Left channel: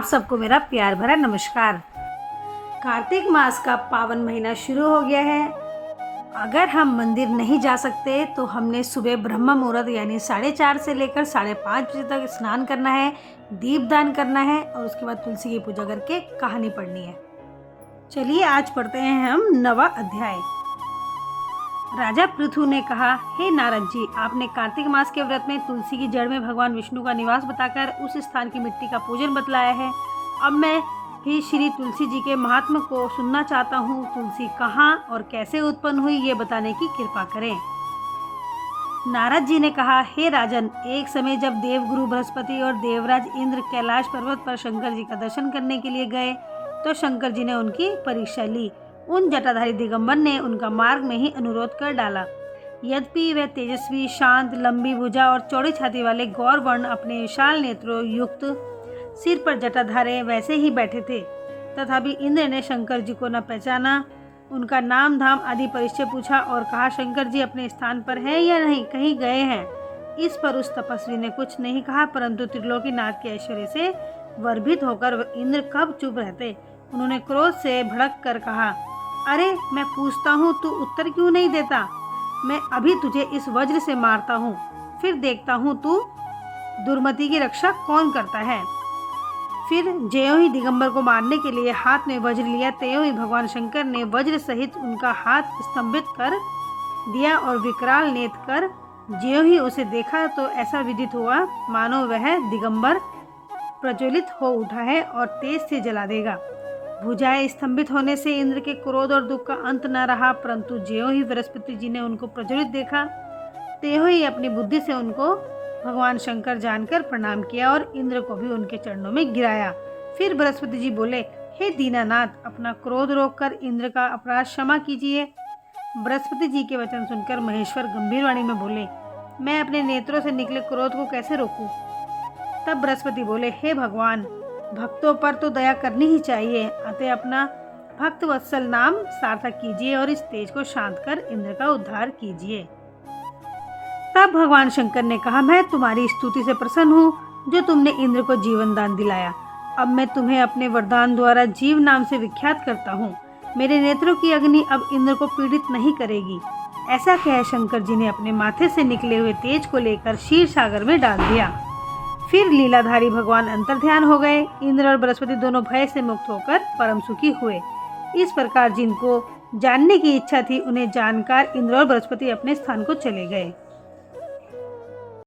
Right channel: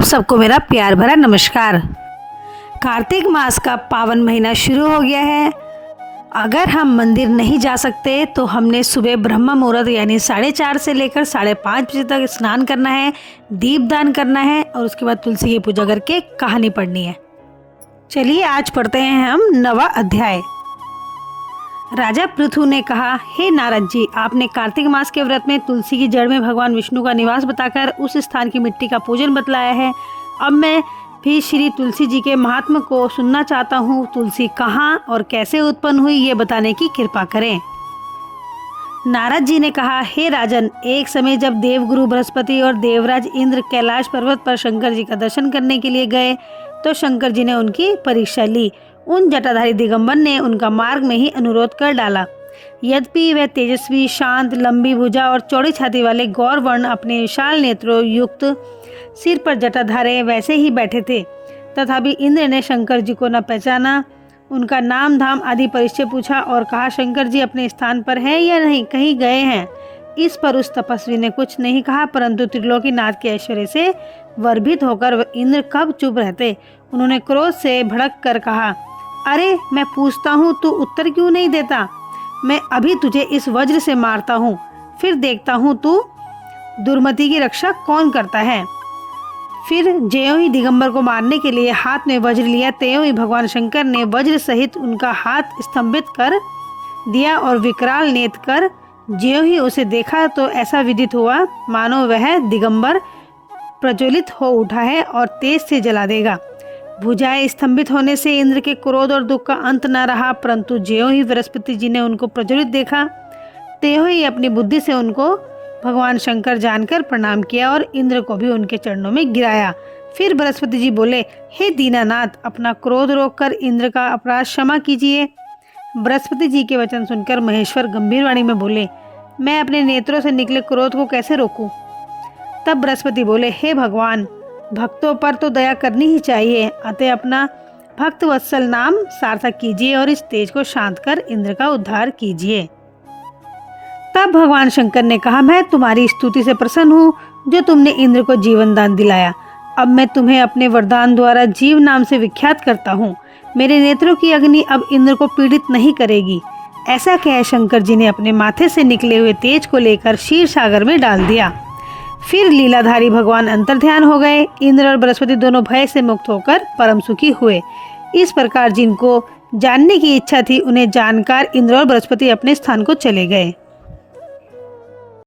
आप सबको मेरा प्यार भरा नमस्कार। कार्तिक मास का पावन महीना शुरू हो गया है। अगर हम मंदिर नहीं जा सकते तो हमने सुबह ब्रह्म मुहूर्त यानी 4:30 से लेकर 5:30 बजे तक स्नान करना है, दीपदान करना है और उसके बाद तुलसी की पूजा करके कहानी पढ़नी है। चलिए आज पढ़ते हैं हम 9वां अध्याय। राजा पृथु ने कहा, हे नारद जी, आपने कार्तिक मास के व्रत में तुलसी की जड़ में भगवान विष्णु का निवास बताकर उस स्थान की मिट्टी का पूजन बतलाया है। अब मैं भी श्री तुलसी जी के महात्म को सुनना चाहता हूँ। तुलसी कहाँ और कैसे उत्पन्न हुई ये बताने की कृपा करें। नारद जी ने कहा, हे राजन, एक समय जब देवगुरु बृहस्पति और देवराज इंद्र कैलाश पर्वत पर शंकर जी का दर्शन करने के लिए गए तो शंकर जी ने उनकी परीक्षा ली। उन जटाधारी दिगंबर ने उनका मार्ग में ही अनुरोध कर डाला। यद्यपि वह तेजस्वी, शांत, लंबी भुजा और चौड़ी छाती वाले गौर वर्ण अपने विशाल नेत्रों युक्त सिर पर जटाधारे वैसे ही बैठे थे, तथापि इंद्र ने शंकर जी को न पहचाना। उनका नाम धाम आदि परिचय पूछा और कहा, शंकर जी अपने स्थान पर हैं या नहीं, कहीं गए हैं। इस पर उस तपस्वी ने कुछ नहीं कहा, परंतु त्रिलोकीनाथ के ऐश्वर्य से वर्भित होकर इंद्र कब चुप रहते। उन्होंने क्रोध से भड़क कर कहा, अरे मैं पूछता हूँ तू उत्तर क्यों नहीं देता। मैं अभी तुझे इस वज्र से मारता हूँ, फिर देखता हूँ तू दुर्मति की रक्षा कौन करता है। फिर ज्यों ही दिगंबर को मारने के लिए हाथ में वज्र लिया, त्यों ही भगवान शंकर ने वज्र सहित उनका हाथ स्तंभित कर दिया और विकराल नेत्र कर ज्यों ही उसे देखा तो ऐसा विदित हुआ मानो वह दिगंबर प्रज्वलित हो उठा है और तेज से जला देगा। भुजाएं स्तंभित होने से इंद्र के क्रोध और दुख का अंत न रहा, परंतु ज्यों ही बृहस्पति जी ने उनको प्रज्वलित देखा त्यों ही अपनी बुद्धि से उनको भगवान शंकर जानकर प्रणाम किया और इंद्र को भी उनके चरणों में गिराया। फिर बृहस्पति जी बोले, हे दीनानाथ, अपना क्रोध रोककर इंद्र का अपराध क्षमा कीजिए। बृहस्पति जी के वचन सुनकर महेश्वर गंभीर वाणी में बोले, मैं अपने नेत्रों से निकले क्रोध को कैसे रोकूं। तब बृहस्पति बोले, हे भगवान, भक्तों पर तो दया करनी ही चाहिए, अतः अपना भक्त वत्सल नाम सार्थक कीजिए और इस तेज को शांत कर इंद्र का उद्धार कीजिए। तब भगवान शंकर ने कहा, मैं तुम्हारी स्तुति से प्रसन्न हूँ जो तुमने इंद्र को जीवन दान दिलाया। अब मैं तुम्हें अपने वरदान द्वारा जीव नाम से विख्यात करता हूँ। मेरे नेत्रों की अग्नि अब इंद्र को पीड़ित नहीं करेगी। ऐसा कह शंकर जी ने अपने माथे से निकले हुए तेज को लेकर क्षीर सागर में डाल दिया। फिर लीलाधारी भगवान अंतर्ध्यान हो गए। इंद्र और बृहस्पति दोनों भय से मुक्त होकर परम सुखी हुए। इस प्रकार जिनको जानने की इच्छा थी उन्हें जानकर इंद्र और बृहस्पति अपने स्थान को चले गए।